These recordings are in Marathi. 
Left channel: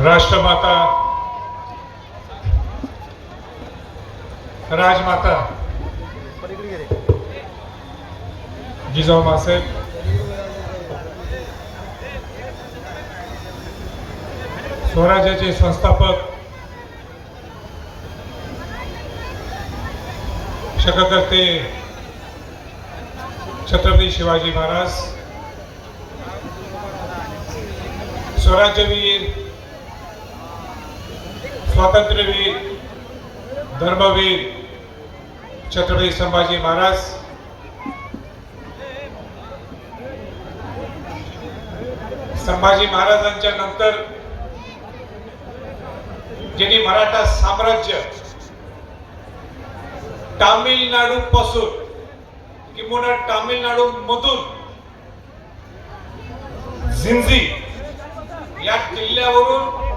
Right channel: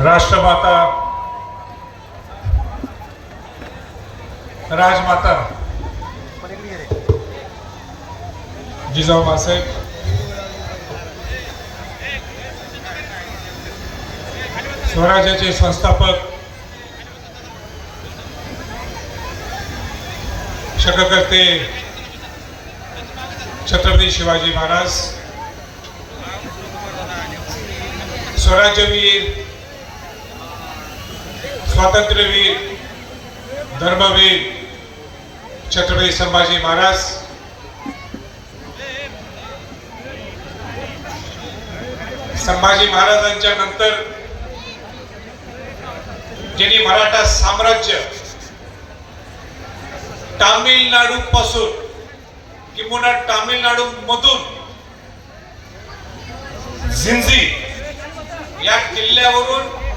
राष्ट्रमाता राजमाता जिजाऊ मासाहेब स्वराज्याचे संस्थापक शककर्ते छत्रपती शिवाजी महाराज स्वराज्यवीर स्वातंत्र्यवीर धर्मवीर छत्रपती संभाजी महाराज. संभाजी महाराजांच्या नंतर ज्यांनी मराठा साम्राज्य तामिळनाडू पासून किंवा तामिळनाडू मधून झिंझी या किल्ल्यावरून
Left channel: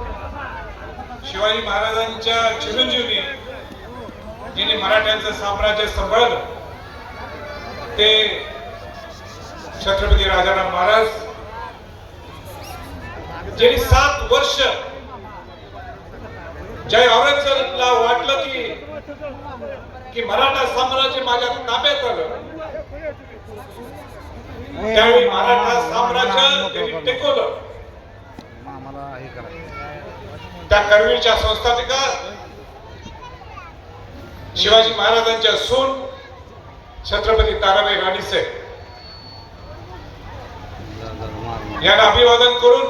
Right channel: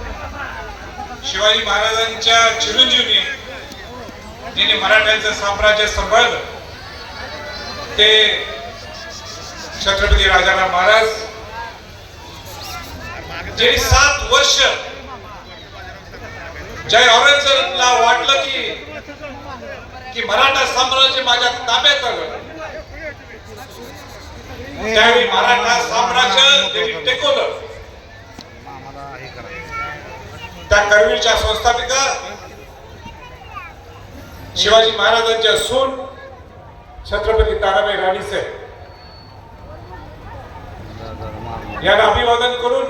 शिवाजी महाराजांच्या चिरंजीवनी जिने मराठ्यांचं साम्राज्य सांभाळलं ते छत्रपती राजाराम महाराज जे सात वर्ष जय औरंगजेबला वाटलं की की मराठा साम्राज्य माझ्या ताब्यात आलं. त्यावेळी मराठा साम्राज्य त्यांनी टेकवलं. त्या करवीरच्या संस्थापिका शिवाजी महाराजांच्या सून छत्रपती ताराबाई राणीसाहेब यांना अभिवादन करून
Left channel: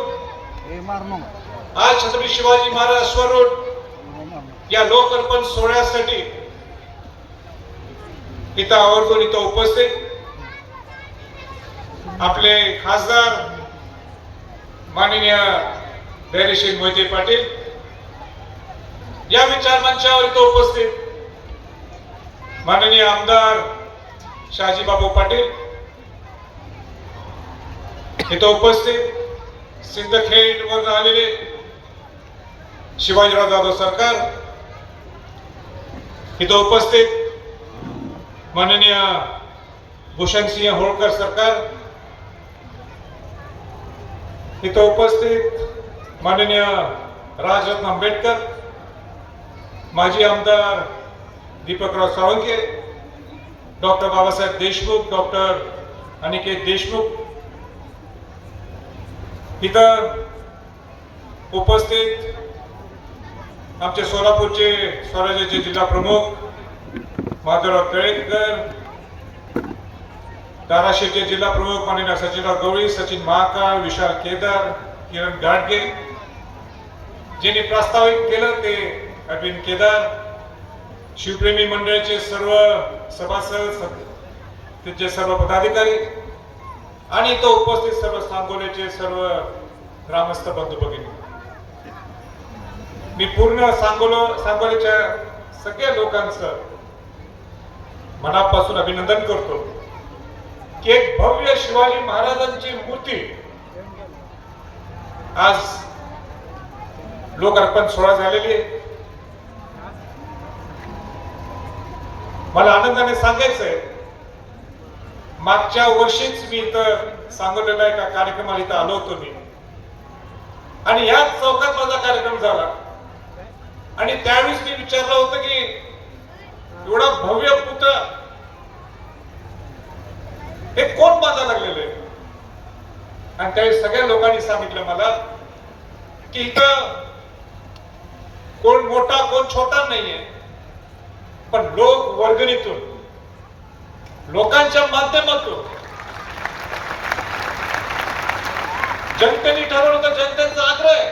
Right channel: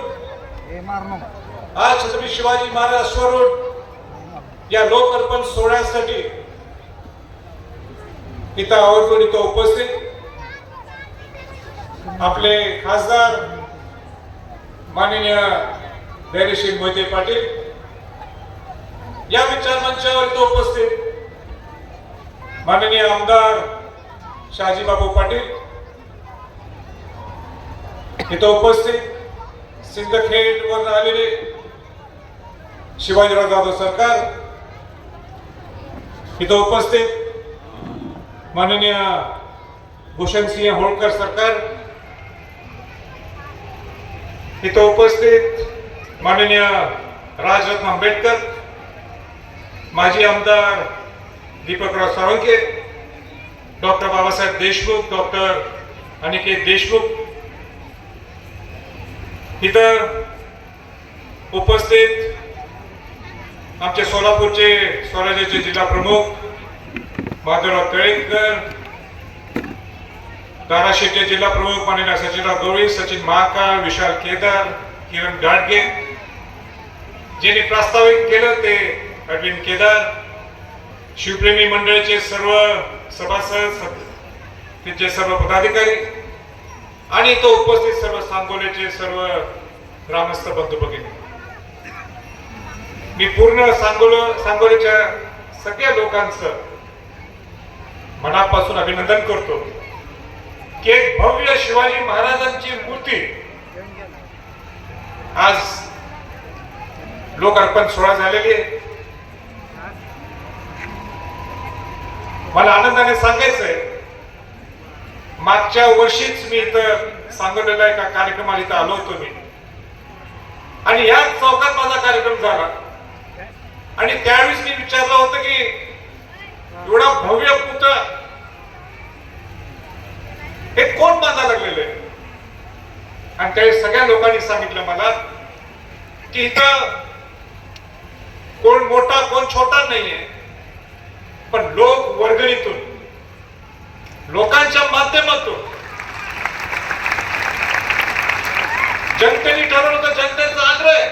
आज छत्रपती शिवाजी महाराज स्वरूप या लोकअर्पण सोहळ्यासाठी इथं आवर्जून इथं उपस्थित आपले खासदार माननीय धैर्यशील मोहिते पाटील या विचार मंचावर तो उपस्थित. माननीय आमदार शहाजीबाबू पाटील. इथं उपस्थित सिंदखेड वर आलेले शिवाजीराव जाधव सरकार. इथं उपस्थित माननीय भूषण सिंह होळकर सरकार. इथं उपस्थित माननीय राजरत्न आंबेडकर. माजी आमदार दीपकराव साळुंके डॉक्टर बाबासाहेब देशमुख डॉक्टर अनिकेत देशमुख इतर उपस्थित आमचे सोलापूरचे स्वराज्याचे जिल्हा प्रमुख माधवराव तळेकर धाराशिवचे जिल्हा प्रमुख माननीय सचिनराव गवळी सचिन महाकाळ विशाल केदार किरण गाडगे ज्यांनी प्रस्तावित केलं ते अरविंद केदार शिवप्रेमी मंडळाचे सर्व सभासद तिचे सर्व पदाधिकारी आणि तो उपस्थित सर्व सांगोल्याचे सर्व ग्रामस्थ बंधू भगिनी. मी पूर्ण सांगोल सांगोल्याच्या सगळ्या लोकांचं मनापासून अभिनंदन करतो की एक भव्य शिवाजी महाराजांची मूर्ती आज लोक अर्पण सोहळा झालेली आहे. मला आनंदाने सांगायचंय मागच्या वर्षीच मी इथं सांगोलेला एका कार्यक्रमाला इथं आलो होतो मी. आणि या चौकात माझा कार्यक्रम झाला. आणि त्यावेळेस मी विचारलं होतं की एवढा भव्य पुतळा हे कोण बांधा लागलेले आणि त्यावेळी सगळ्या लोकांनी सांगितलं मला की इथं कोण मोठा कोण छोटा नाहीये. पण लोक वर्गणीतून लोकांच्या माध्यमातून. जनतेने ठरवलं तर जनतेचा आग्रह आहे.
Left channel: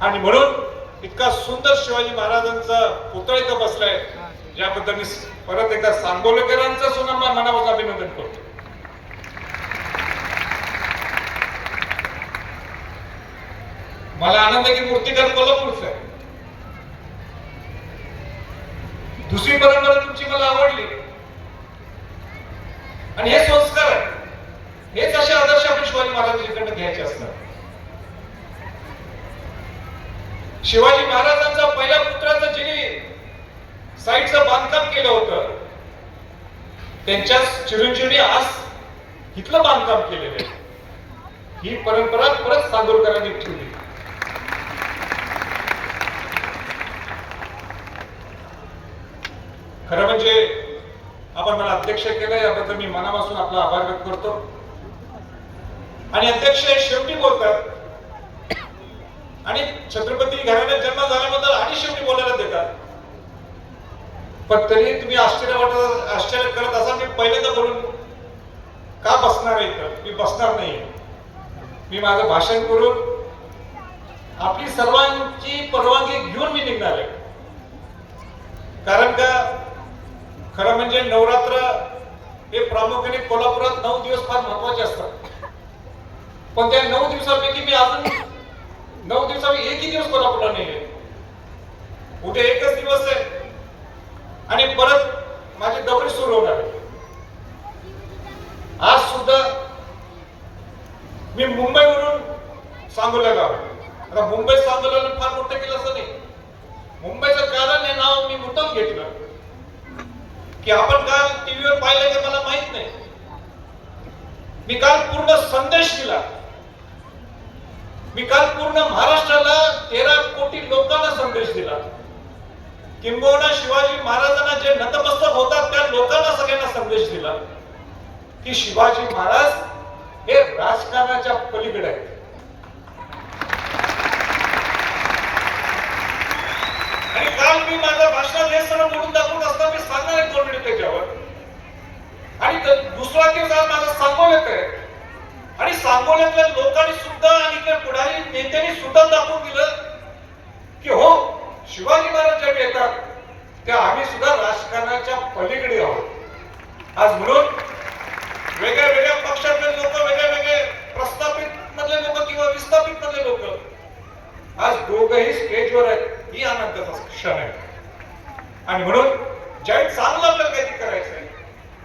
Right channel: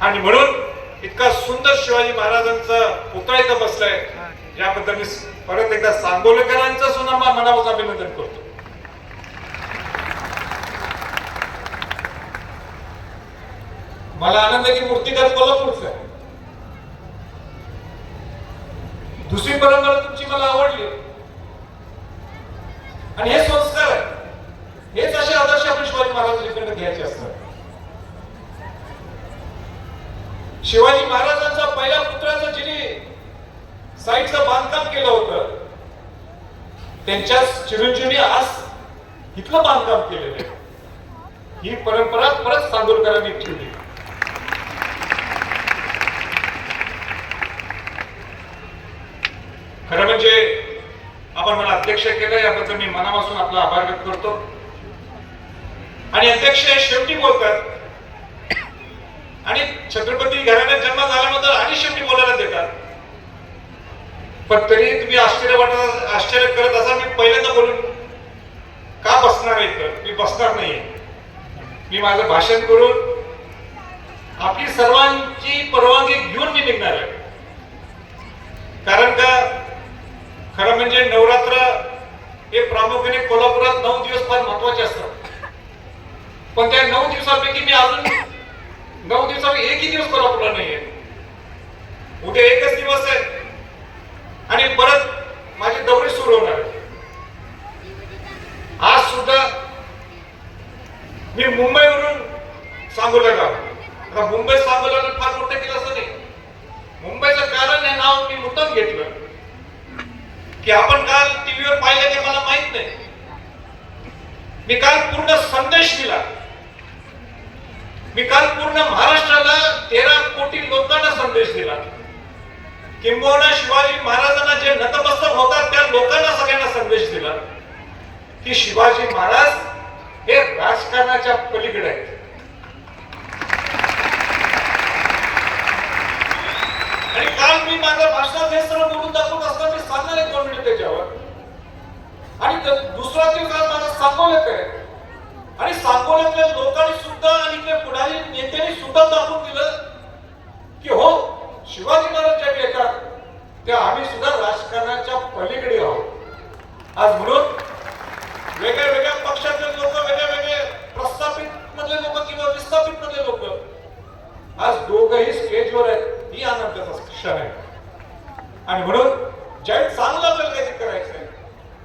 आणि म्हणून इतका सुंदर शिवाजी महाराजांचा पुतळा इथं बसलाय. याबद्दल मी परत एकदा सांगोलेकरांचं सुद्धा मनावर मनापासून अभिनंदन करतो. मला आनंद आहे की मूर्तीकार कोल्हापूरचं आहे. दुसरी परंपरा तुमची मला आवडली. आणि हे संस्कार हेच असे आदर्श आपण शिवाजी महाराजांकडे घ्यायचे असतात. शिवाजी महाराजांचा पहिल्या पुत्राचं जिने साईडचं बांधकाम केलं होतं. त्यांच्या चिरंजीवने आज इथलं बांधकाम केलेलं आहे. ही परंपरा परत सांगोलकरांनी ठेवली. खरं म्हणजे आपण मला अध्यक्ष केलं याबद्दल मी मनापासून आपला आभार व्यक्त करतो. आणि अध्यक्ष शेवटी बोलतात. आणि छत्रपती घराण्यात जन्म झाल्यानंतर आणि शेवटी बोलायला देतात. पण तरी तुम्ही आश्चर्य वाटत आश्चर्य करत असाल मी पहिल्यांदा बोलून का बसणार आहे तर मी बसणार नाहीये. मी माझं भाषण करून आपली सर्वांची परवानगी घेऊन मी निघणार आहे. कारण का? खरं म्हणजे नवरात्र हे प्रामुख्याने कोल्हापुरात नऊ दिवस फार महत्त्वाचे असतात. पण त्या नऊ दिवसापैकी मी अजून नऊ दिवसापैकी एकही दिवस कोल्हापूरला नाहीये उद्या एकच दिवस आहे. आणि परत माझी दौरी सुरू होणार आज सुद्धा मी मुंबईवरून सांगोला गाव. आता मुंबई सांगोला फार मोठं केलं असं नाही. मुंबईचं कारण हे नाव मी मुद्दाम घेतलं. की आपण काल टीव्हीवर पाहिलं ते मला माहीत नाही. मी काल पूर्ण संदेश दिला. मी काल पूर्ण महाराष्ट्राला तेरा कोटी लोकांना संदेश दिला. किंबहुना शिवाजी महाराजांना जे नतमस्तक होतात त्या लोकांना सगळ्यांना संदेश दिला. की शिवाजी महाराज हे राजकारणाच्या पलीकडे आहेत. आणि काल मी माझ्या भाषणात हे सर्व बोलून दाखवत असताना मी सांगणार आहे दोन मिनिट त्याच्यावर आणि दुसरा दिवस आज माझा सांगोल्यात आहे. आणि सांगोल्यातल्या लोकांनी सुद्धा आणि त्या पुढारी नेत्यांनी सुद्धा दाखवून दिलं की हो शिवाजी महाराज ज्या येतात त्या आम्ही सुद्धा राजकारणाच्या पलीकडे आहोत. आज म्हणून वेगळ्या वेगळ्या पक्षातले लोक वेगळे वेगळे प्रस्थापित मधले लोक किंवा विस्थापित मधले लोक आज दोघही स्टेजवर आहेत. ही आनंदाचा क्षण आहे आणि म्हणून ज्यावेळी चांगलं आपल्याला काहीतरी करायचं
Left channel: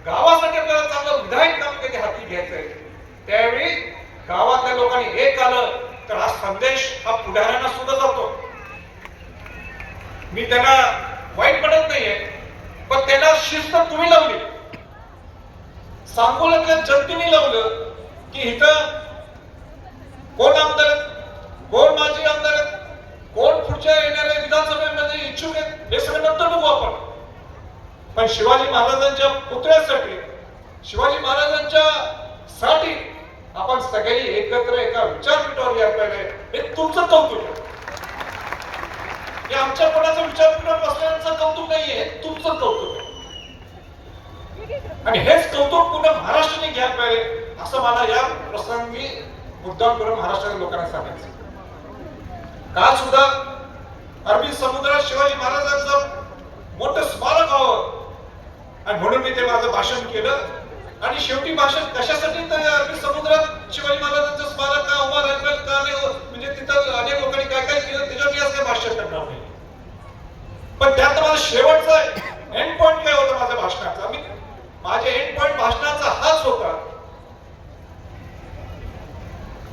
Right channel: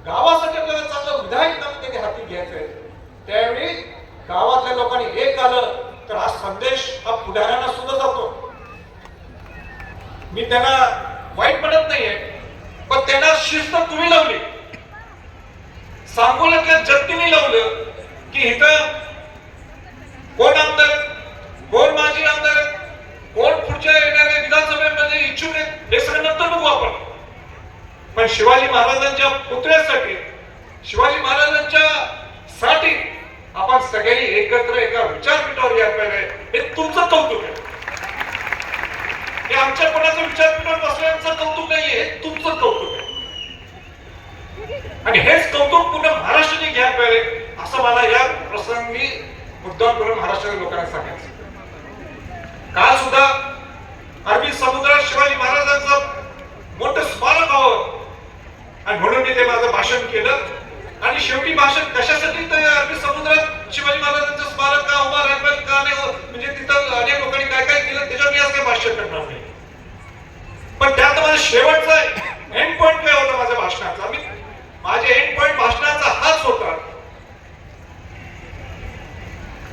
गावासाठी आपल्याला चांगलं विधायक काम कधी हाती घ्यायचंय त्यावेळी गावातल्या लोकांनी एक आलं तर हा संदेश हा पुढाऱ्यांना सुद्धा जातो. मी त्यांना वाईट पडत नाहीये पण त्यांना शिस्त तुम्ही लावली. सांगोल्यातल्या जनतेने लावलं की इथं कोण आमदार कोण माजी आमदार कोण पुढच्या येणाऱ्या विधानसभेमध्ये इच्छुक आहे हे सगळं नंतर बघू आपण. पण शिवाजी महाराजांच्या पुतळ्यासाठी शिवाजी महाराजांच्या साठी आपण सगळी एकत्र एका विचारपीठावर या पाहिजे. हे तुमचं कौतुक आहे. हे आमच्या कोणाचं विचारपीठावर बसल्याचं कौतुक नाहीये हे तुमचं कौतुक आहे. आणि हेच कौतुक पुन्हा महाराष्ट्राने घ्यायला पाहिजे असं मला या प्रसंगी मुद्दाम करून महाराष्ट्राच्या लोकांना सांगायचं काल सुद्धा अरबी समुद्रात शिवाजी महाराजांचं मोठं स्मारक आहोत आणि म्हणून मी ते माझं भाषण केलं. आणि शेवटी भाषण कशासाठी तर अरबी समुद्रात शिवाजी महाराजांचं स्मारक का उभा राहिलं का नाही म्हणजे तिथं अनेक लोकांनी काय काय केलं त्याच्यावर मी आज काही करणार नाही. पण त्यात माझा शेवटचा एंड पॉइंट काय होता माझ्या भाषणाचा? मी माझे एंड पॉइंट भाषणाचा हाच होता.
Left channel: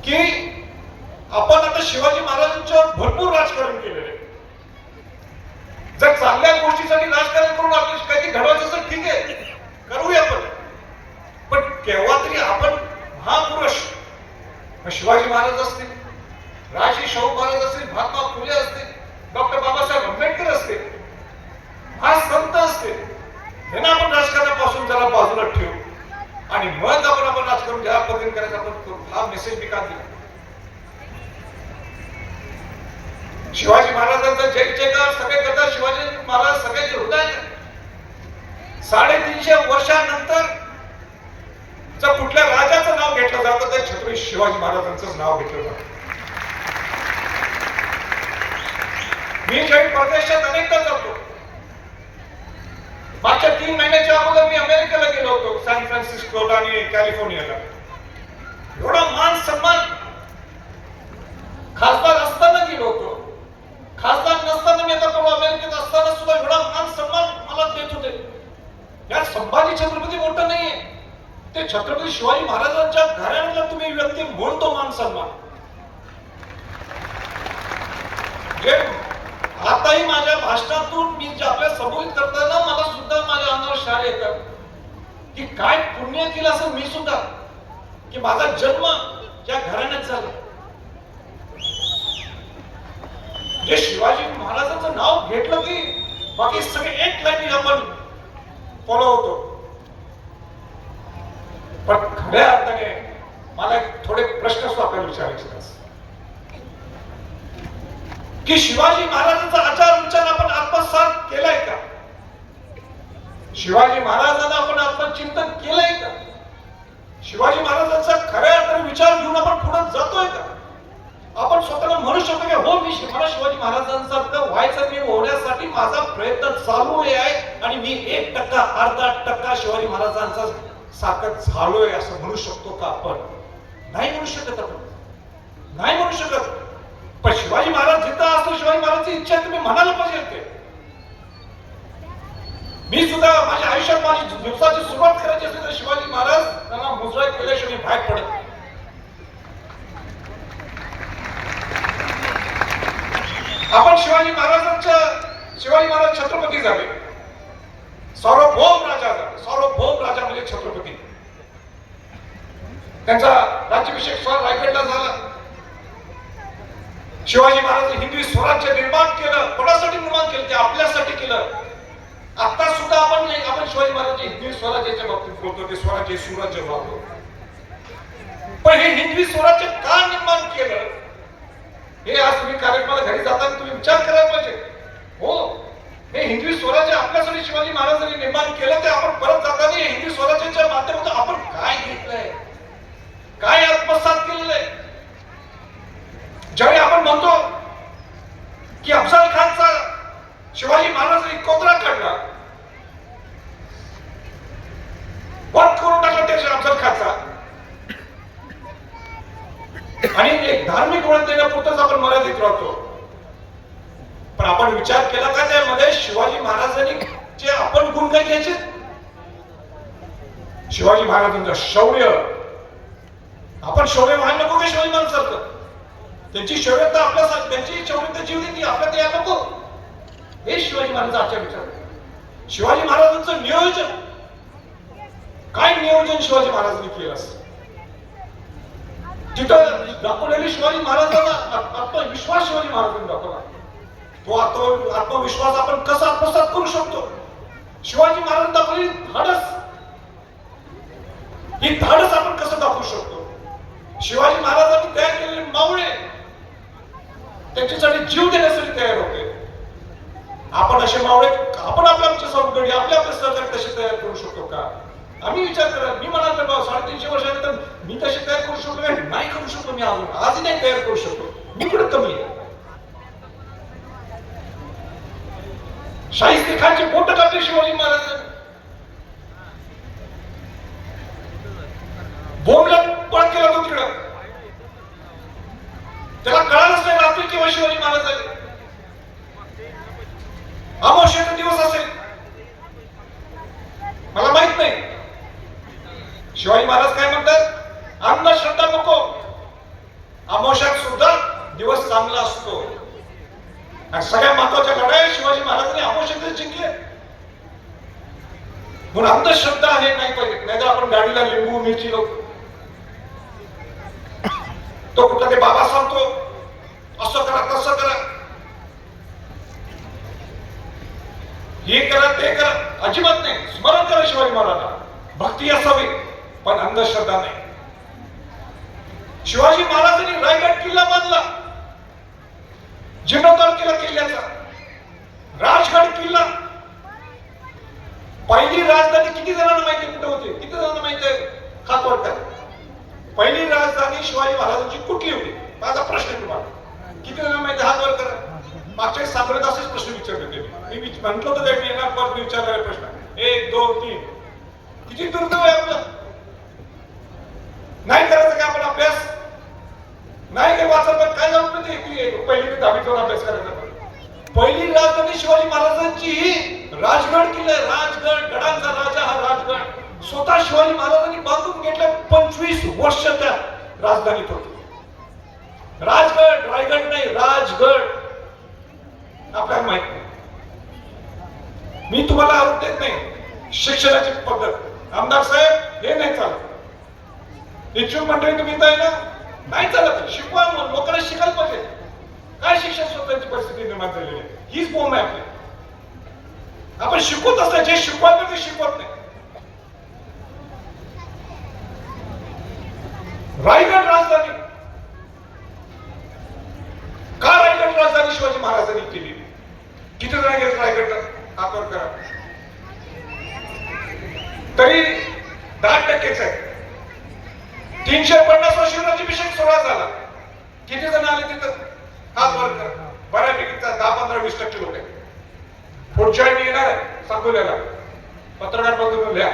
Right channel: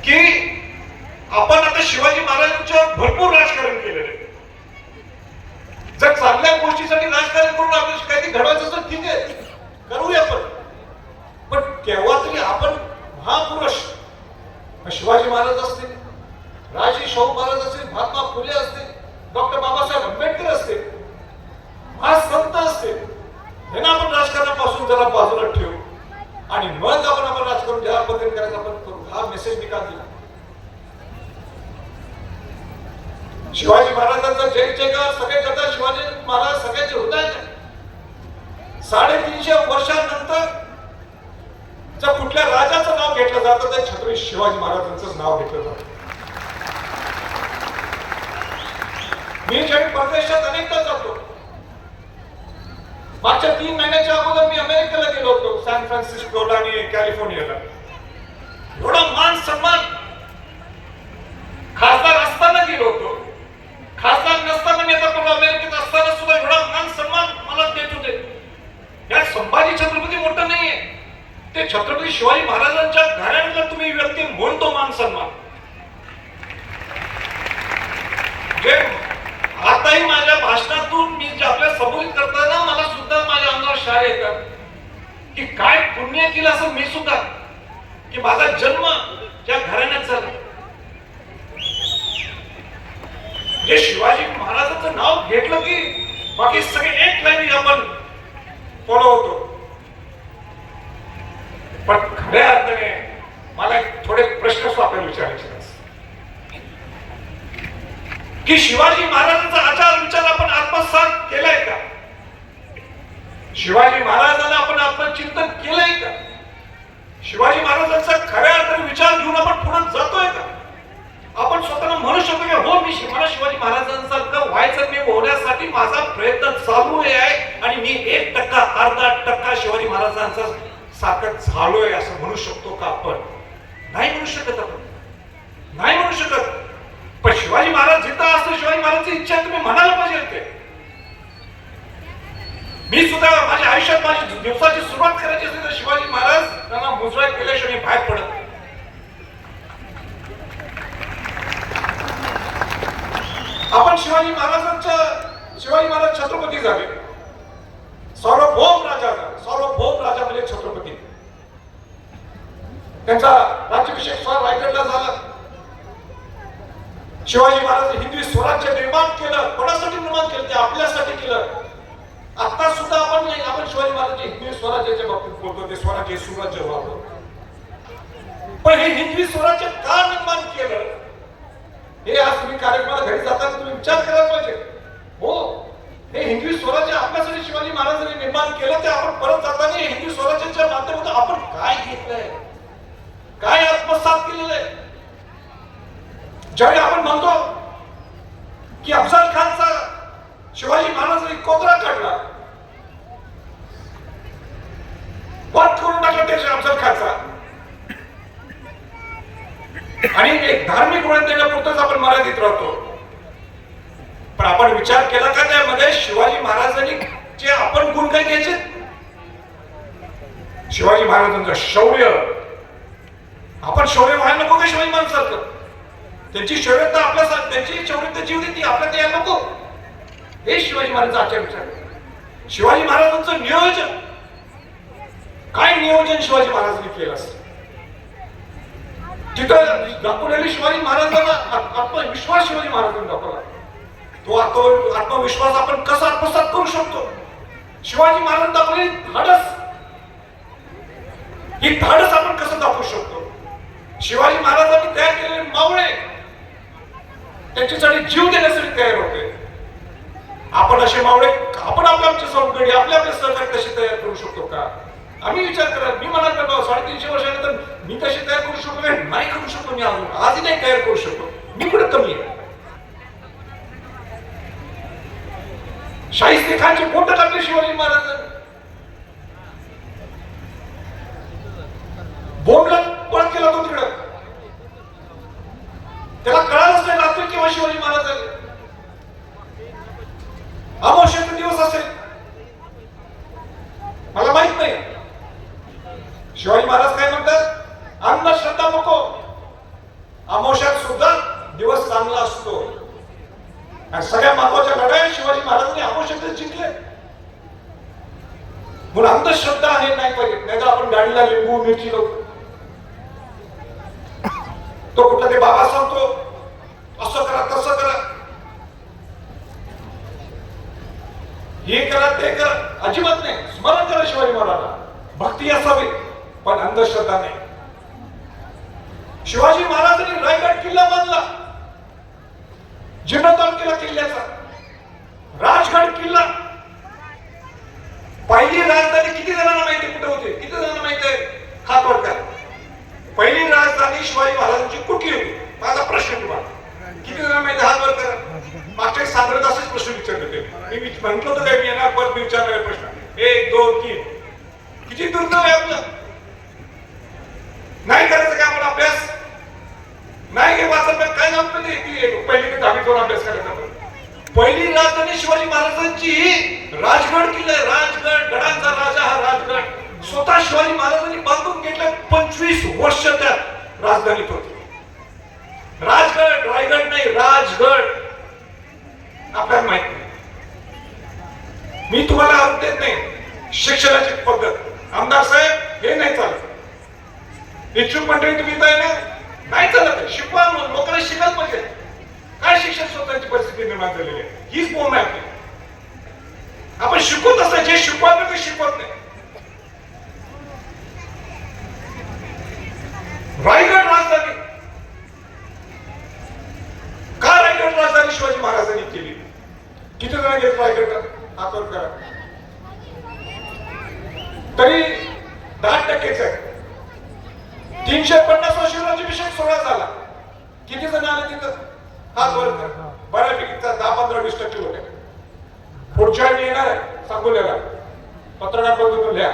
की आपण आता शिवाजी महाराजांच्यावर भरपूर राजकारण केलेलं आहे. जर चांगल्या गोष्टीसाठी राजकारण करून आपल्याला काहीतरी घडवायचं तर ठीक आहे. करूया आपण. पण केव्हा तरी आपण महापुरुष शिवाजी महाराज असतील राजे शाहू महाराज असतील महात्मा फुले असतील डॉक्टर बाबासाहेब आंबेडकर असतील हा संत असतील यांना आपण राजकारणापासून जरा बाजूला ठेवू. आणि मग आपण आपण राजकारण ज्या पद्धतीने करायचं आपण करू. हा मेसेज मी का दिला. शिवाजी महाराजांचा जय जयकार सगळे करतात शिवाजी महाराज सगळ्याचे हृदयात साडेतीनशे वर्षानंतर जर कुठल्या राजाचं नाव घेतलं जातं तर छत्रपती शिवाजी महाराजांचं नाव घेतलं जातं. मी ज्यावेळी परदेशात अनेकदा जातो. मागच्या तीन महिन्याच्या अगोदर मी अमेरिकेला गेलो होतो सॅन फ्रान्सिस्को आणि कॅलिफोर्नियाला. एवढा मान सन्मान खासदार असताना गेलो होतो. खासदार नसताना मी आता अमेरिकेत असताना सुद्धा एवढा मान सन्मान मला देत होते. या संभाजी छत्रपती मोठं नाहीये. ते छत्रपती शिवाजी महाराजांच्या घराण्यातला तुम्ही व्यक्ती म्हणतो मान सन्मान. जे आताही माझ्या भाषणातून मी जे आपल्या संबोधित करताना मला सुद्धा माझ्या अंगावर शाळ येतात. की काय पुण्य केलं असं मी सुद्धा. की माझा जन्म त्या घराण्यात झाला. जे शिवाजी महाराजांचं नाव घेतलं की बाकी सगळे एक लाईन आपण फॉलो होतो. पण खऱ्या अर्थाने मला थोडे प्रश्न आपल्याला विचारायचे की शिवाजी महाराजांचा आचार विचार आपण आत्मसात केलाय का? शिवाजी महाराजांना आपण आपण चिंतन केलंय का? शिवाजी महाराजांचा खऱ्या अर्थाने विचार घेऊन आपण पुढे जातोय का? आपण स्वतःला म्हणू शकतो की हो मी मला शिवाजी महाराजांसारखं व्हायचं मी होण्यासाठी माझा प्रयत्न चालू आहे आणि मी एक टक्का अर्धा टक्का शिवाजी महाराजांचा सारखं झालोय असं म्हणू शकतो का आपण? नाही म्हणू शकत आपण. नाही म्हणू शकत. पण शिवाजी महाराज जिथं असतो शिवाजी महाराजची इच्छा तुम्ही म्हणायला पाहिजे ते मी सुद्धा माझ्या आयुष्यात माझी दिवसाची सुरुवात करायची असेल तर शिवाजी महाराज त्यांना मुजरा केल्याशिवाय बाहेर पडत नाही. आपण शिवाजी महाराजांच्या शिवाजी महाराज छत्रपती झाले. सार्वभौम राजा झाले. सार्वभौम राजा म्हणजे छत्रपती. त्यांचा राज्याभिषेक स्वर रायगडला झाला. शिवाजी महाराज हिंदवी स्वराज्य निर्माण केलं कोणासाठी निर्माण केलं ते आपल्यासाठी केलं. आता सुद्धा आपण आपण शिवाजी महाराज हिंदवी स्वराज्याच्या बाबतीत बोलतो ते स्वराज्य सुराज्य वापरतो. पण हे हिंदवी स्वराज्य का निर्माण केलं? हे आज तुम्ही कार्यक्रमाला घरी जाताना तुम्ही विचार करायला पाहिजे. हो हे हिंदवी स्वराज्य आपल्यासाठी शिवाजी महाराजांनी निर्माण केलं ते आपण परत जाताना हिंदवी स्वराज्याच्या माध्यमातून आपण काय घेतलंय? काय आत्मसात केलेलं आहे ज्यावेळी आपण म्हणतो की अफजल खानचा शिवाजी महाराजांनी कोतरा काढला वध करून टाकला त्याच्या अफजल खानचा. आणि एक धार्मिक वळण पुरतच आपण मर्यादित राहतो. पण आपण विचार केला का त्यामध्ये शिवाजी महाराजांनी जे आपण गुण काय घ्यायचे? शिवाजी महाराजांचं शौर्य. आपण शौर्य व्हायला नको का शिवाजी महाराजांसारखं? त्यांची शौर्यता आपल्या त्यांची शौर्यता जीव देते आपल्या ते नको. हे शिवाजी महाराजांचा आचार विचार. शिवाजी महाराजांचं नियोजन. काय नियोजन शिवाजी महाराजांनी केलं असतं तिथं दाखवलेली शिवाजी महाराजांना. आत्मविश्वास शिवाजी महाराजांनी दाखवला. तो आत्म आत्मविश्वास आपण कसा आत्मसात करू शकतो? शिवाजी महाराज दाखवली धाडस. ही धाडस आपण कसं दाखवू शकतो? शिवाजी महाराजांनी तयार केलेले मावळे त्यांच्यासाठी जीव देण्यासाठी तयार होते. आपण असे मावळे आपण आपल्या आमच्या संघटने आपल्या आपल्या सहकारी कसे तयार करू शकतो का? आम्ही विचार करा मी म्हणाल करतो साडेतीनशे वर्षानंतर मी तसे तयार करू शकतो का? नाही करू शकतो मी अजून आजही नाही तयार करू शकतो मी कुठे कमी आहे शाहिस्ते खानची बोट टाकली शिवाजी महाराज बोंबला पळ केला तो तिकडं त्याला कळालंच नाही रात्री किंवा शिवाजी महाराज आले अमावस्याचा दिवस असेल मला माहीत नाही शिवाजी महाराज काय म्हणतात? अंधश्रद्धा नको. अमावस्यात सुद्धा दिवस चांगला असतो. सगळ्या महत्त्वाच्या लढाई शिवाजी महाराजांनी अमावस्यात जिंकले. म्हणून अंधश्रद्धा हे नाही पाहिजे नाहीतर आपण गाडीला लिंबू मिरची लावतो तो कुठला ते बाबा सांगतो असं करा तसं करा. हे करा ते करा. अजिबात नाही. स्मरण करा शिवाजी महाराजांना. भक्ती असावी. पण अंधश्रद्धा नाही. शिवाजी महाराजांनी रायगड किल्ला बांधला. जीर्णोद्धार केला किल्ल्याचा. राजगड किल्ला. पहिली राजधानी किती जणांना माहिती कुठे होते? किती जणांना माहिती आहे? खातवडकर. पहिली राजधानी शिवाजी महाराजांची कुठली होती? माझा प्रश्न तुम्हाला. किती जणांना माहिती हा बरं करा मागच्या साधारण असेच प्रश्न विचारले होते. मी विच- म्हटलं होतं काय मी येणार परत विचारलेला प्रश्न. एक दोन तीन. किती दुर्दैव आहे आपलं? नाही करायचं काय आपण अभ्यास? नाही वाचत काय जमतं पहिली दहावी करून अभ्यास करायचा पहिली राजधानी शिवाजी महाराजांची ही राजगड किल्ला आहे. राजगड गडांचा राजा हा राजगड. स्वतः शिवाजी महाराजांनी बांधून घेतला पंचवीस वर्ष त्या राजधानीत होते. राजगड रायगड नाही राजगड. आपल्याला माहीत नाही. मी तुम्हाला आरोप देत नाही. शिक्षणाची पद्धत. आमदार साहेब हे नाही चालत. इच्छुक मंडळी तुम्ही इथं ना नाही चालत शिकवा म्हणून. लोकांना शिकत पाहिजे. काय शिक्षण स्वतःची परिस्थिती निर्माण झालेली आहे? हीच बोम आहे आपली. आपण शिकवत असतो जे शिकवायला ते शिकवत नाही. रायगड राजधानी. का रायगड राजधानी शिवाजी महाराजांनी केली? किती जण गेले रायगड? आपण करा. तरी दहा टक्केच आहे. तीनशे पन्नास वर्षी विषय सुरुवात झाला. किती जण आले तिथं? हाच वर्ग. बऱ्यापैकी दहा पंधरा वीस टक्के लोक आहेत. पुढच्या वेळी येणार आहे सांगोल्याला पत्रकार बघून लिहा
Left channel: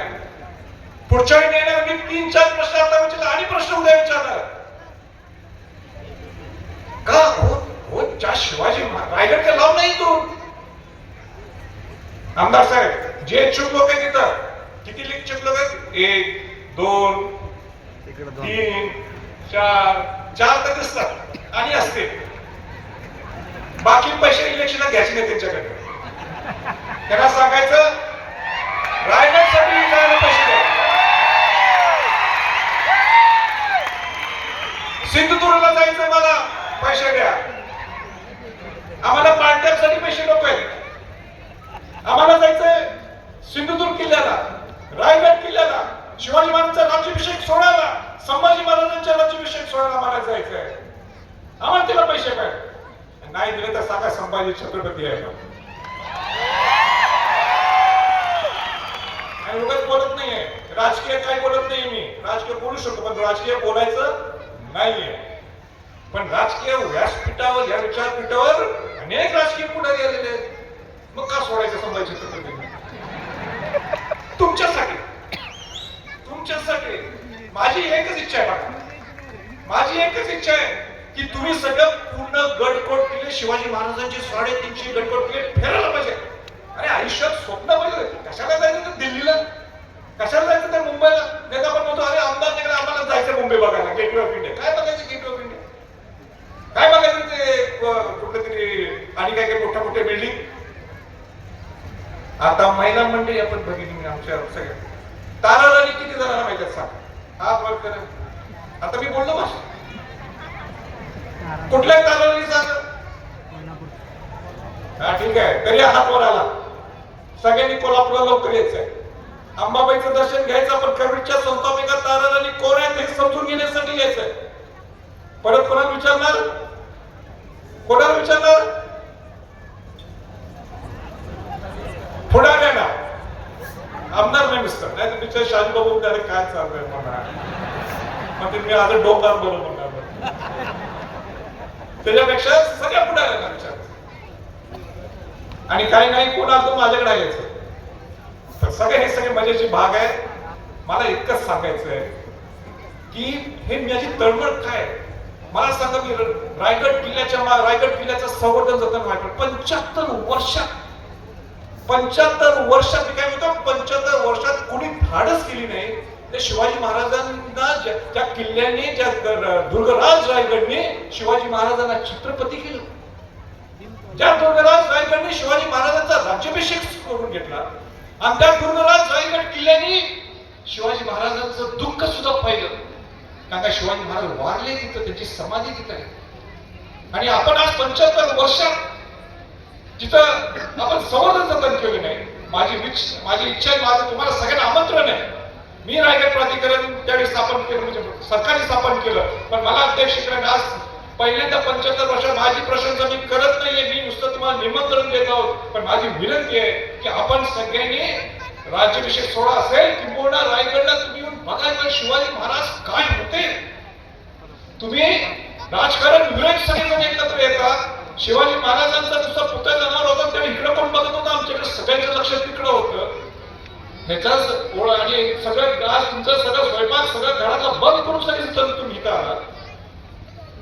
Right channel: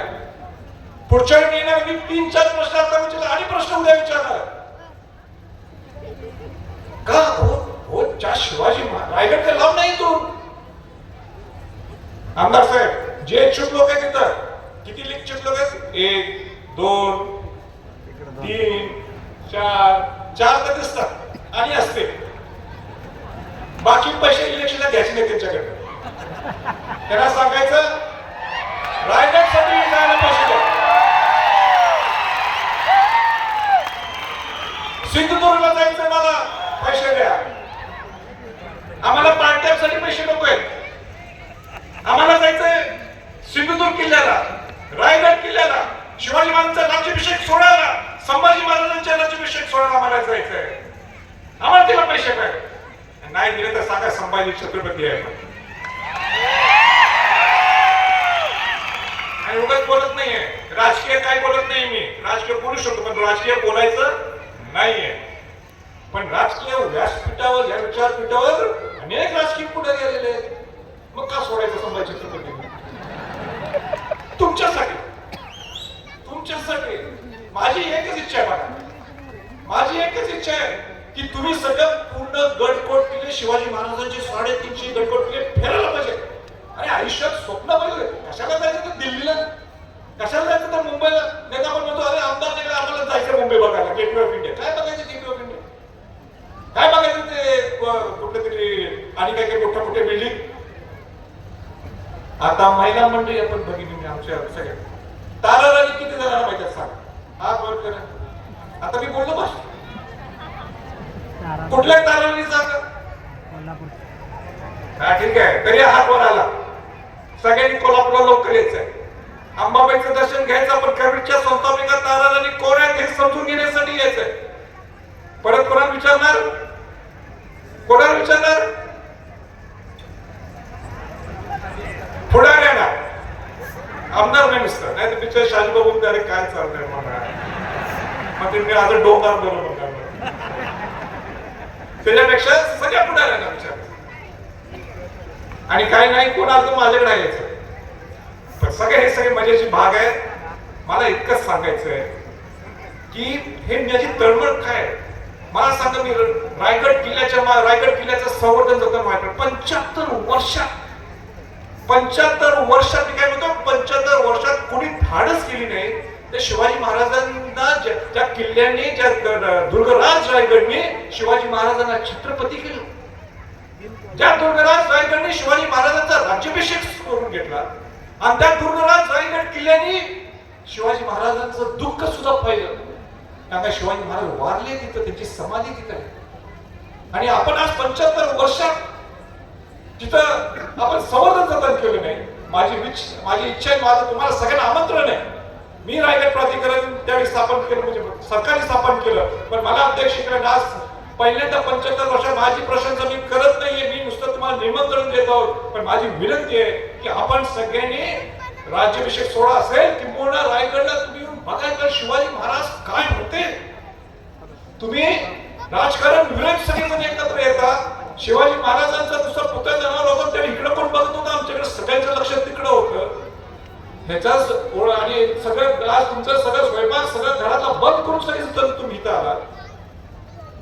पुढच्या वेळी येणार मी तीन चार प्रश्न आता विचारला आणि प्रश्न उद्या विचारणार का हो हो ज्या शिवाजी महाराज? रायगड लाव नाही तू आमदार साहेब जे इच्छुक लोक आहेत तिथं किती इच्छुक लोक आहेत? एक दोन तीन चार चार तर दिसतात. आणि असते. बाकी पैसे इलेक्शनला घ्यायचे नाही त्यांच्याकडे. त्यांना सांगायचं रायगडसाठी जायला पैसे द्या. सिंधुदुर्गला जायचं मला पैसे द्या. आम्हाला पार्ट्यासाठी पैसे नको आहेत आम्हाला जायचंय सिंधुदुर्ग किल्ल्याला रायगड किल्ल्याला. शिवाजी महाराजांचा राज्याभिषेक सोहळ्याला संभाजी महाराजांच्या राज्याभिषेक सोहळ्याला आम्हाला जायचंय. आम्हाला तिला पैसे काय नाही दिले तर सांगा संभाजी छत्रपती आहे आणि उगाच बोलत नाहीये. राजकीय काय बोलत नाही मी. राजकीय बोलू शकतो पण राजकीय बोलायचं नाहीये. पण राजकीय व्यासपीठावर या विचारपीठावर अनेक राजकीय पुढे गेलेले मग का सोडायचं संभाजी छत्रपती तुमच्यासाठी माझी एकच इच्छा आहे माझी एकच इच्छा आहे की तुम्ही सगळं पूर्ण गडकोट किल्ले शिवाजी महाराजांचे साडेतीनशे गडकोट किल्ले फिरायला पाहिजे. अरे आयुष्यात स्वप्न पाहिजे कशाला जायचं तर दिल्लीला? कशाला जायचं तर मुंबईला? नाही आपण म्हणतो अरे अहमदाबाद तिकडे आम्हाला जायचं मुंबई बघायला. गेटवे ऑफ इंडिया काय बघायचं गेटवे ऑफ इंडिया काय बघायचं ते क- कुठलं तरी आणि काय काय मोठ्या मोठ्या बिल्डिंग आता महिला मंडळी आपण बघितली आमच्या सगळ्या ताराराणी किती जणांना माहिती आहे? सांग. हात करा आता मी बोललो भाषा कुठल्या ताराराणी सांग हा ठीक आहे. तरी हात वर आला सगळ्यांनी कोल्हापूरला लवकर यायचंय. अंबाबाईचं दर्शन घ्यायचं पण कर्मीच्या संस्थापिका ताराराणी कोण आहेत हे समजून घेण्यासाठी यायचंय. परत कोणाला विचारणार? कोणाला विचारणार पुढारी ना आमदार नाही मिस्टर नाही बघून त्याने काय चाललंय मला मग ते मी आता डोंगर बरोबर त्याच्यापेक्षा सगळ्या पुढाऱ्यांना आमच्या. आणि काय नाही कोण आलं माझ्याकडे यायचं. पण सगळे हे सगळे मजेचे भाग आहेत. मला इतकंच सांगायचं आहे की हे माझी तळमळ काय मला सांगा मी रायगड किल्ल्याच्या रायगड किल्ल्याचं संवर्धन जतन रायगड पंच्याहत्तर वर्षात पंच्याहत्तर वर्षात मी काय म्हणतो पंच्याहत्तर वर्षात कोणी धाडस केली नाही तर शिवाजी महाराजांना ज्या किल्ल्याने ज्या दुर्गराज रायगडने शिवाजी महाराजांना छत्रपती केलं. ज्या दुर्गराज रायगडने शिवाजी महाराजांचा राज्याभिषेक करून घेतला आणि त्या दुर्गराज रायगड किल्ल्याने शिवाजी महाराजांचं दुःख सुद्धा पाहिलं. कारण का शिवाजी महाराज वारले तिथं त्यांची समाधी तिथं आहे. आणि आपण आज पंच्याहत्तर वर्षात तिथं आपण संवर्धन जतन केलं नाही माझी माझी इच्छा आहे माझं तुम्हाला सगळ्यांना आमंत्रण आहे. मी रायगड प्राधिकरण त्यावेळी स्थापन केलं म्हणजे सरकारने स्थापन केलं पण मला अध्यक्षकडे आज पहिल्यांदा पंच्याहत्तर वर्षात माझी प्रशंसा मी करत नाहीये मी नुसतं तुम्हाला निमंत्रण देत आहोत. पण माझी विनंती आहे की आपण सगळ्यांनी राज्याभिषेक सोहळा असेल किंबहुना रायगडला तुम्ही येऊन बघायचं शिवाजी महाराज काय होते. तुम्ही राजकारण विरोध सगळेजण एकत्र येतात शिवाजी महाराजांचा नुसता पुतळा जाणार होता त्या इकडे पण बघत होता आमच्याकडे सगळ्यांचं लक्ष तिकडं होतं. ह्याच्याच ओळ आणि सगळं ग्लास तुमचं सगळं स्वयंपाक सगळं घरातला बंद करून सगळी तुम्ही इथं आलात.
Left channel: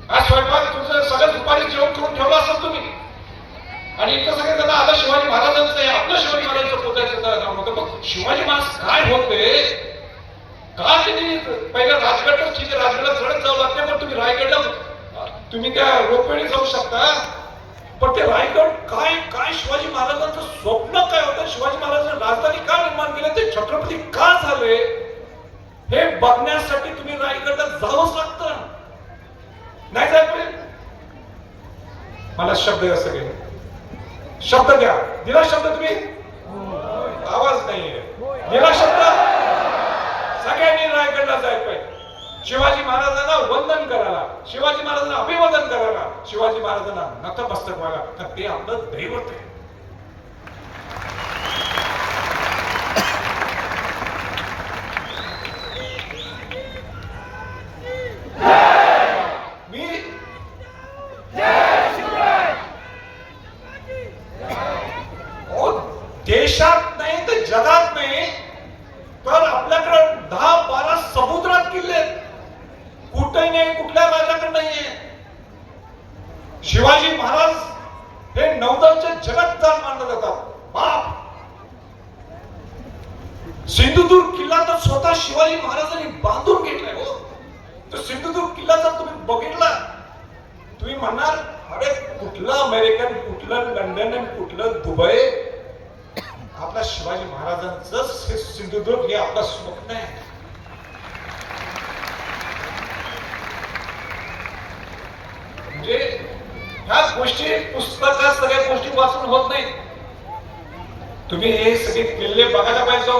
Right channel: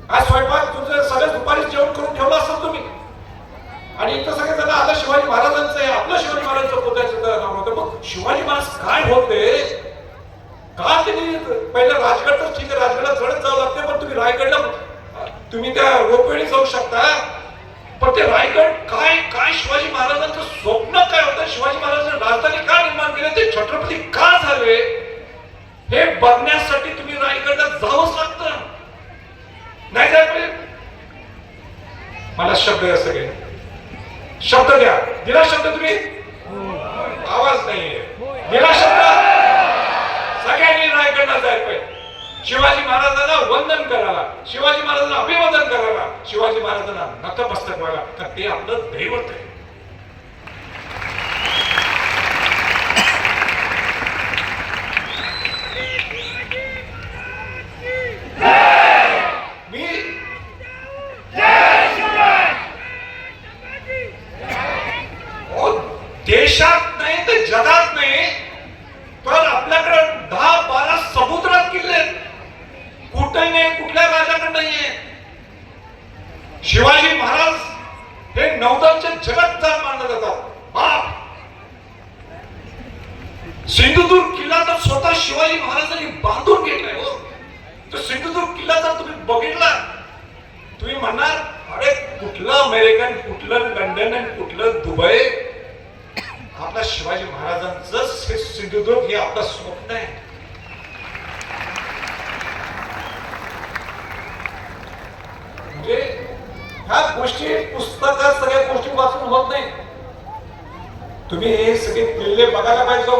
आज स्वयंपाक तुमचं सगळं दुपारी जेवण करून ठेवलं असाल तुम्ही. आणि इथं सगळे जण आता शिवाजी महाराजांचं आहे आपलं शिवाजी महाराजांचं पुतळ्याचं नाव होतं. मग शिवाजी महाराज काय होते का त्यांनी पहिलं राजगडच ठीक आहे राजगडला चढत जावं लागते पण तुम्ही रायगडला तुम्ही त्या रोपवेळी जाऊ शकता. पण ते रायगड काय काय शिवाजी महाराजांचं स्वप्न काय होतं? शिवाजी महाराजांनी राजधानी का निर्माण केली? ते छत्रपती का झाले? हे बघण्यासाठी तुम्ही रायगडला जावंच लागतं. नाही जाय मला शब्द द्या सगळे. शब्द द्या. दिला शब्द तुम्ही? आवाज नाहीये. दिला शब्द? सगळ्यांनी रायगडला जायला पाहिजे. शिवाजी महाराजांना वंदन करावा शिवाजी महाराजांना अभिवादन करावा शिवाजी महाराजांना नतमस्तक व्हावा तर ते आपलं दैवत आहे मी अहो, देशात नाही तर जगात नाही तर आपल्याकडे दहा बारा समुद्रात किल्ले आहेत. कुठे नाही कुठल्या राजाकडे नाहीये शिवाजी महाराज हे नौदलचे जगत चाल मानले जातात बाप सिंधुदुर्ग किल्ला तर स्वतः शिवाजी महाराजांनी बांधून घेतलाय हो तर सिंधुदुर्ग किल्ला जर तुम्ही बघितला तुम्ही म्हणणार अरे कुठलं अमेरिकन कुठलं लंडन आणि कुठलं दुबई आपल्या शिवाजी महाराजांचं हे सिंधुदुर्ग हे आपलं स्वप्न आहे म्हणजे ह्या गोष्टी पुस्तक सगळ्या गोष्टी वाचून होत नाही तुम्ही हे सगळे किल्ले बघायला पाहिजे हो.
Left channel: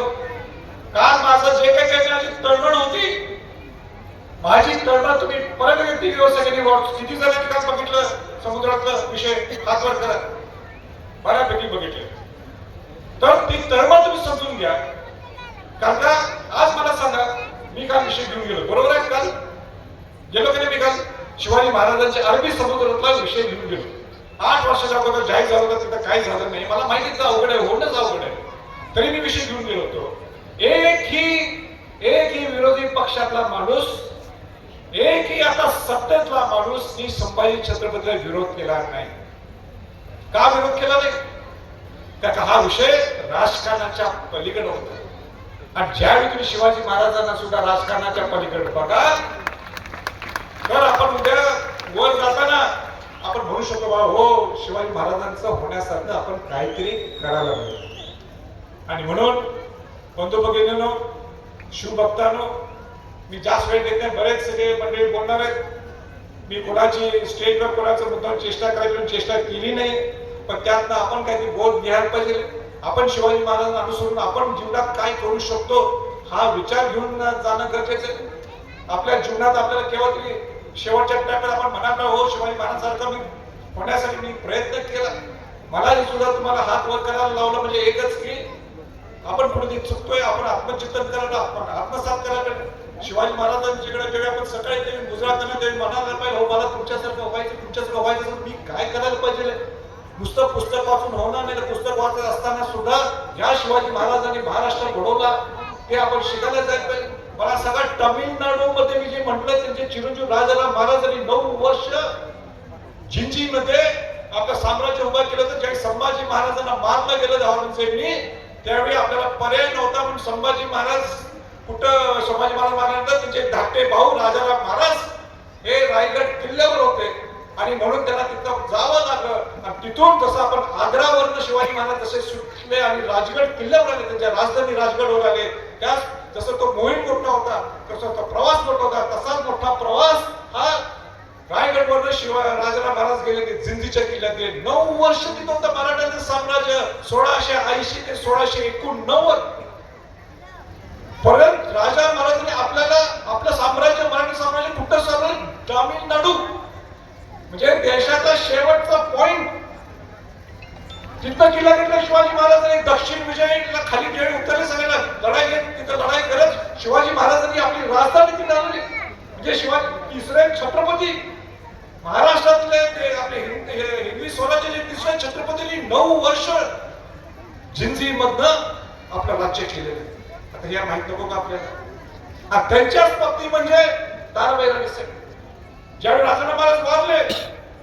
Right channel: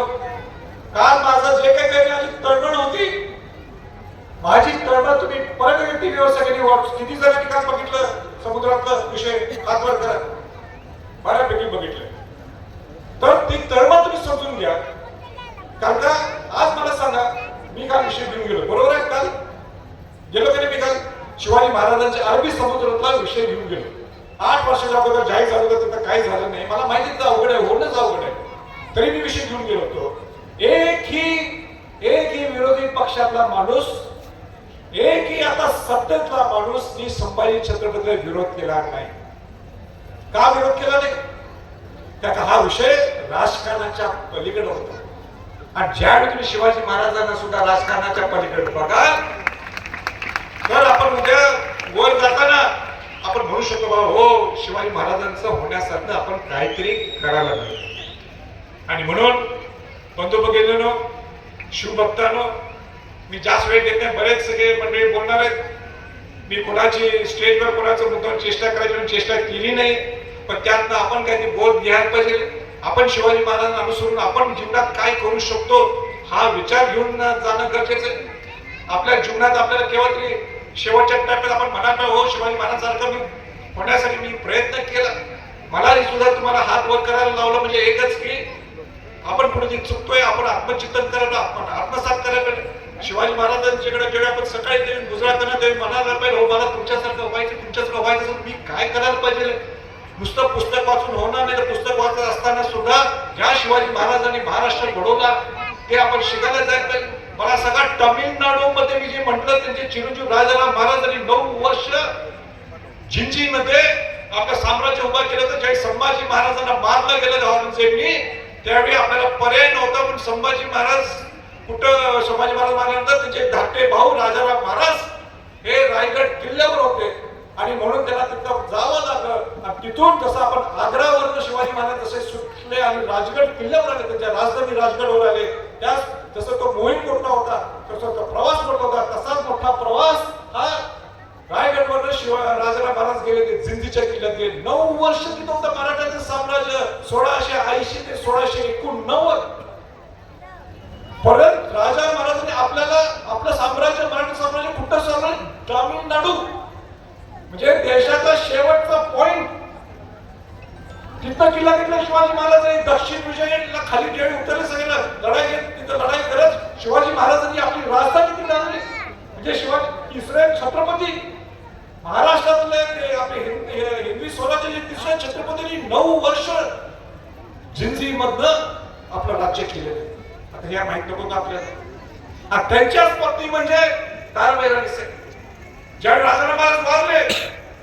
काल माझं जे काही काही माझी तळमळ होती माझी तळमळ तुम्ही परत टीव्हीवर सगळ्यांनी watch- किती जणांनी काल बघितलं समुद्रातला विषय हातवर करत बऱ्यापैकी बघितलं. तर ती तळमळ तुम्ही समजून घ्या. कारण का आज मला सांगा मी काल विषय घेऊन गेलो. बरोबर आहे काल गेलो तरी मी काल शिवाजी महाराजांचे अरबी समुद्रातला विषय घेऊन गेलो. आठ वर्षाच्या अगोदर जाहीर झालं होतं तिथं काही झालं नाही. मला माहितीच अवघड आहे होणंच अवघड आहे. तरी मी विषय घेऊन गेलो होतो. एक ही विरोधी पक्षातला माणूस एक ही आता सत्तेतला माणूस मी संभाजी छत्रपतीला विरोध केला नाही. का विरोध केला नाही? त्याचा हा विषय राजकारणाच्या पलीकडे होता. आणि ज्यावेळी तुम्ही शिवाजी महाराजांना सुद्धा राजकारणाच्या पलीकडे बघा तर आपण उद्या वर जाताना आपण म्हणू शकतो बा हो शिवाजी महाराजांचं होण्यासारखं आपण काहीतरी करायला पाहिजे आणि म्हणून बंधू भगिनीनो शिवभक्तानो मी जास्त वेळ घेत नाही बरेच सगळे मंडळी बोलणार आहेत. मी कोणाची स्टेजवर कोणाचं मुद्दाम चेष्टा करायची म्हणून चेष्टा केली नाही पण त्यातनं आपण काहीतरी बोध घ्यायला पाहिजे. आपण शिवाजी महाराजांना अनुसरून आपण जीवनात काय करू शकतो हा विचार घेऊन जाणं गरजेचं आहे. आपल्या जीवनात आपल्याला केव्हा तरी शेवटच्या टप्प्यात आपण म्हणाल हो शिवाजी महाराजांसारखं मी होण्यासाठी मी प्रयत्न केला. मलाही सुद्धा तुम्हाला हात वर करायला लावलं म्हणजे एकच की आपण कुठे चुकतोय आपण आत्मचिंतन करायला आपण आत्मसात करायला पाहिजे. शिवाजी महाराजांच्याकडे जेव्हा आपण सकाळी ते गुजरात करणार मनाला म्हणायला पाहिजे हो मला तुमच्यासारखं व्हायचं तुमच्यासारखं व्हायचं मी काय करायला पाहिजे? नुसतं पुस्तक वाचून होणार नाही तर पुस्तक वाचत असताना सुद्धा ज्या शिवाजी महाराजांनी महाराष्ट्र घडवला ते आपण शिकायला जायला पाहिजे. मला सगळा तमिळनाडू मध्ये मी जे म्हटलं त्यांचे चिरंजीव राजाराम महाराजांनी नऊ वर्ष जिंजीमध्ये आपलं साम्राज्य उभा केलं तर ज्यावेळी संभाजी महाराजांना मारलं गेलं औरंगजेबनी त्यावेळी आपल्याला पर्याय नव्हता म्हणून संभाजी महाराज कुठं संभाजी महाराज मारल्यानंतर त्यांचे धाकटे भाऊ राजाराम महाराज हे रायगड किल्ल्यावर होते. आणि म्हणून त्यांना तिथं जावं लागलं. आणि तिथून जसं आपण आग्रावरनं शिवाजी महाराज जसे सुटले आणि राजगड किल्ल्यावर आले त्यांच्या राजधानी राजगडवर आले त्याच जसं तो मोहीम मोठा होता तसा तो प्रवास मोठा होता तसाच मोठा प्रवास हा रायगडवर शिवाय राजाराम महाराज गेले की जिंजीच्या किल्ल्यात गेले. नऊ वर्ष तिथं होतं मराठ्याचं साम्राज्य सोळाशे ऐंशी ते सोळाशे एकोणनव्वद. परत राजा महाराजांनी आपल्याला आपलं साम्राज्य मराठी साम्राज्य कुठं सरलं तामिळनाडू. म्हणजे देशाचा शेवटचा पॉइंट तिथं किल्ला घेतला शिवाजी महाराजांनी दक्षिण विजयला खाली देवी उतरले सगळ्यांना लढाई घेत तिथं लढाई करत शिवाजी महाराजांनी आपली राजधानी तिथे आणली. म्हणजे शिवाजी तिसरे छत्रपती महाराष्ट्रातले ते आपले हिंद- हे- हिंदवी स्वराज्याचे तिसरे छत्रपतींनी नऊ वर्ष जिंजी मधनं आपलं राज्य केलेलं आता या माहीत नको का आपल्याला? त्यांच्याच पत्नी म्हणजे ताराबाई राणे ज्यावेळी राजाराम महाराज वारले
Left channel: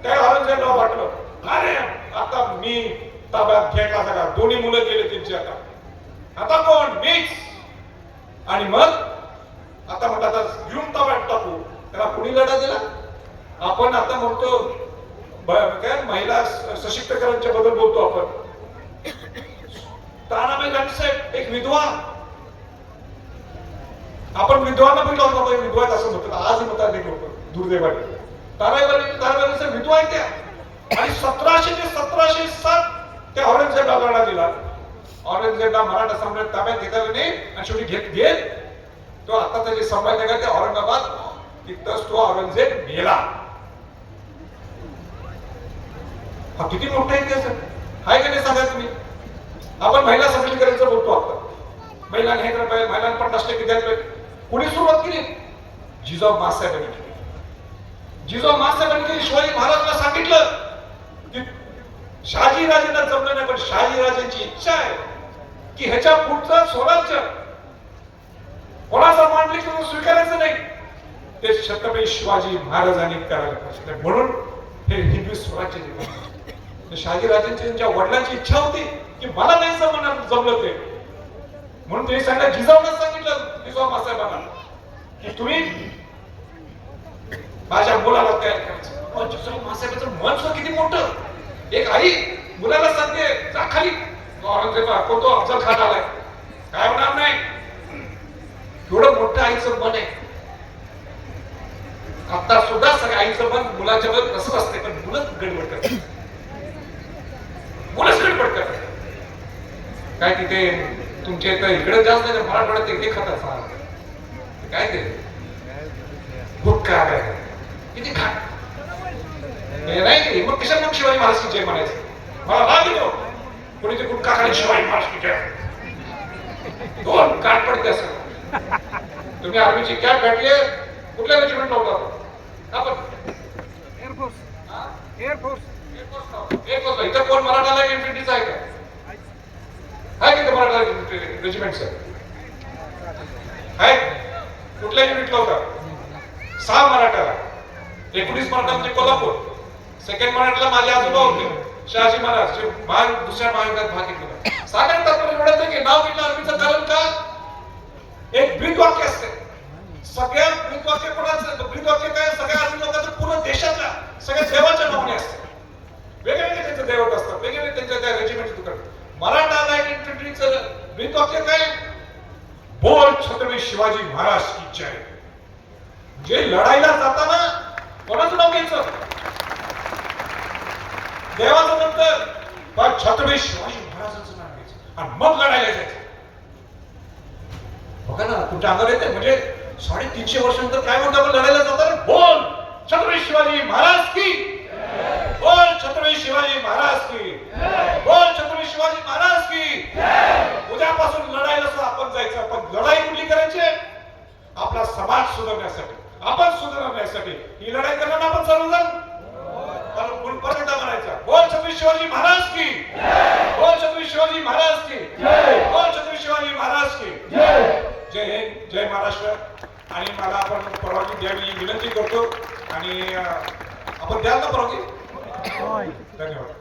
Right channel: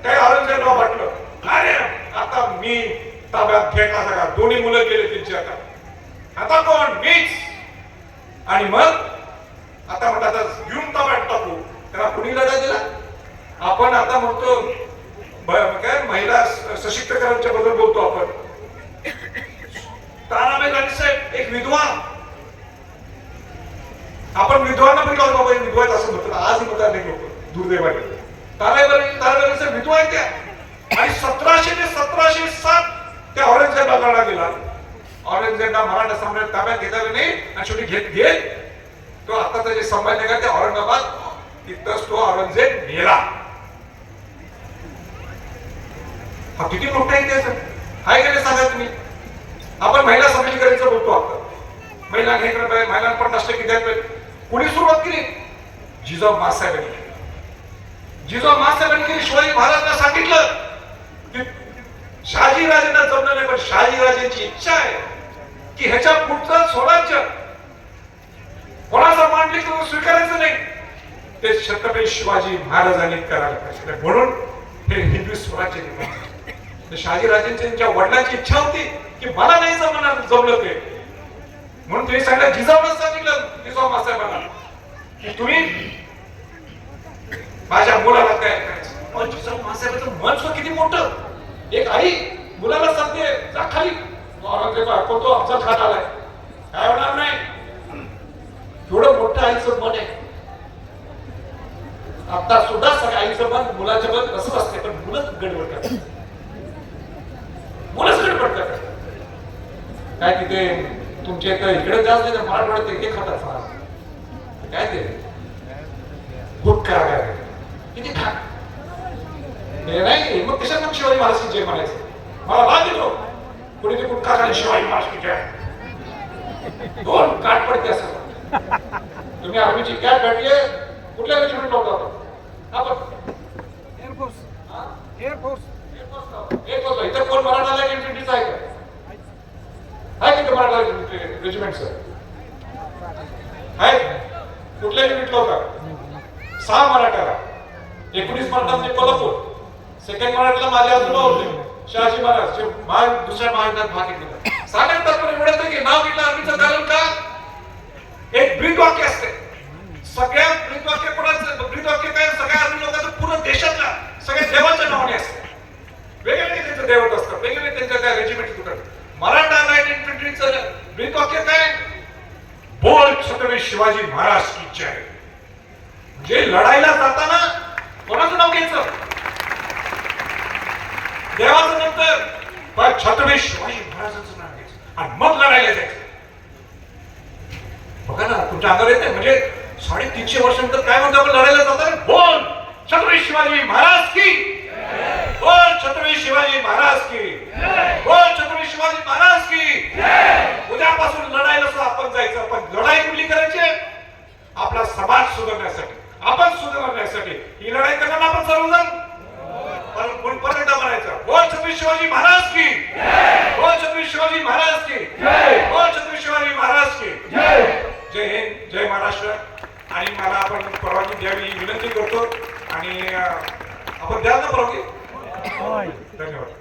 काय औरंगजेबला वाटलं अरे आता मी ताब्यात घेतला सगळा दोन्ही मुलं गेले त्यांची आता. आता कोण? मीच. आणि मग आता म्हणतात आता घेऊन तो टाकू त्याला कुणी लढा दिला? आपण आता म्हणतो काय महिला स- बद्दल बोलतो आपण. ताराबाई राणे साहेब एक विधवा आपण विद्वान पण लावतो बाबा, विद्वान असं म्हणतात? आजही म्हणतात नाही लोक दुर्दैवाने. तानाबाई तानाबाई साहेब विधवा त्या. आणि सतराशे ते सतराशे सात त्या औरंगजेबाला गेला औरंगजेबला मराठा सम्राट ताब्यात घेतला नाही आणि शेवटी घेत घेत तो आताचा जे संभाजीनगर ते औरंगाबाद तिथंच तो औरंगजेब गेला. हा किती मोठा इतिहास हाय गेले सांगा तुम्ही. आपण महिला सबलीकरणचं बोलतो आता. महिला हे करत आहे महिला पण टक्के द्यायला पाहिजे. कुणी सुरुवात केली? जिजाऊ मासाहेबांनी केली. जिजाऊ मासाहेबांनी केली शिवाजी महाराजांना सांगितलं की शहाजी राजेंना जमलं नाही पण शहाजी राजेंची इच्छा आहे. की ह्याच्या पुढचं स्वराज्य कोणाचा मांडली तुम्ही स्वीकारायचं नाही? ते छत्रपती शिवाजी महाराजांनी करायला पाहिजे. म्हणून हे हिंदू स्वराज्य निर्माण झालं. वडिलांची इच्छा होती की मला नाही जमणार जमलं ते. म्हणून तुम्ही सांगा जिजाऊला सांगितलं जिजाऊ साहेबांना की तुम्ही माझ्या मुलाला तयार करायचं. अहो, जिजाऊ मासाहेबांचं महत्त्व किती मोठं. एक आई मुलाला सांगते जा खाली. औरंगजेबा तो अफजल खान आलाय. काय होणार नाही? एवढं मोठं आईचं मन आहे. आता सुद्धा सगळ्या आईचं मन मुलाच्या मन कसं असते पण मुलंच गडबड करतात. मुलंच गडबड करतात. काय तिथे तुमच्या इथं इकडे जास्त नाही मराठवाड्यात ते हे खातात फार. काय ते? गुटखा काय किती खा. नाही मग कशा मग शिवाजी महाराज जय म्हणायचं. मला राग येतो. कोणी ते गुटखा खाली शिवाजी महाराज की जय दोन काट पडते असं. तुम्ही आर्मीची कॅब भेटले कुठल्या रेजिमेंट होता आपण? एअरफोर्स हा? एअरफोर्स होतं इथं कोण मराठाला इन्फिनिटीच आहे का? आहे किती मराठा रेजिमेंट सर आहे कुठल्या युनिटला होता? सहा मराठ्याला एकोणीस मराठा म्हणजे कोल्हापूर. सेकंड मराठ्याला माझे आजोबा होते. शहाजी महाराज जे महान दुसऱ्या महायुद्धात भाग घेतला साधारण तात्पर्य एवढंच की नाव घेतलं आर्मीचं कारण का एक ब्रीद वाक्य असते. सगळ्या ब्रीद वाक्य कोणाचं? ब्रीद वाक्य काय? सगळ्या आर्मी लोकांचं पूर्ण देशातला सगळ्या देवाच्या नावाने असते. वेगवेगळे त्यांचं देवत असतात वेगवेगळे त्यांच्या काय रेजिमेंट तुकडे मराठा लाइट इन्फंट्रीचं ब्रीद वाक्य काय? बोल छत्रपती शिवाजी महाराज की जय. जे लढायला जाताना कोणाचं नाव घ्यायचं? देवाचं नंतर पण छत्रपती शिवाजी महाराजांचं नाव घ्यायचं. आणि मग लढायला जायचं. बघा ना तुमच्या अंगावर येते म्हणजे साडेतीनशे वर्षानंतर काय म्हणतो आपण लढायला जातो? बोल. छत्रपती शिवाजी महाराज की बोल छत्रपती शिवाजी महाराज की बोल छत्रपती शिवाजी महाराज की उद्यापासून लढायला सुद्धा आपण जायचं. पण लढाई कुठली करायची आपला समाज सुधारण्यासाठी. आपण सुधारण्यासाठी. ही लढाई करणार आपण सर्वजण पण कोण परत बोल छत्रपती शिवाजी महाराज की? बोल छत्रपती शिवाजी महाराज की? बोल छत्रपती शिवाजी महाराज की? जय हिंद जय महाराष्ट्र. आणि मला आपण परवानगी द्यावी ही विनंती करतो. आणि आपण द्याल ना परवानगी? धन्यवाद.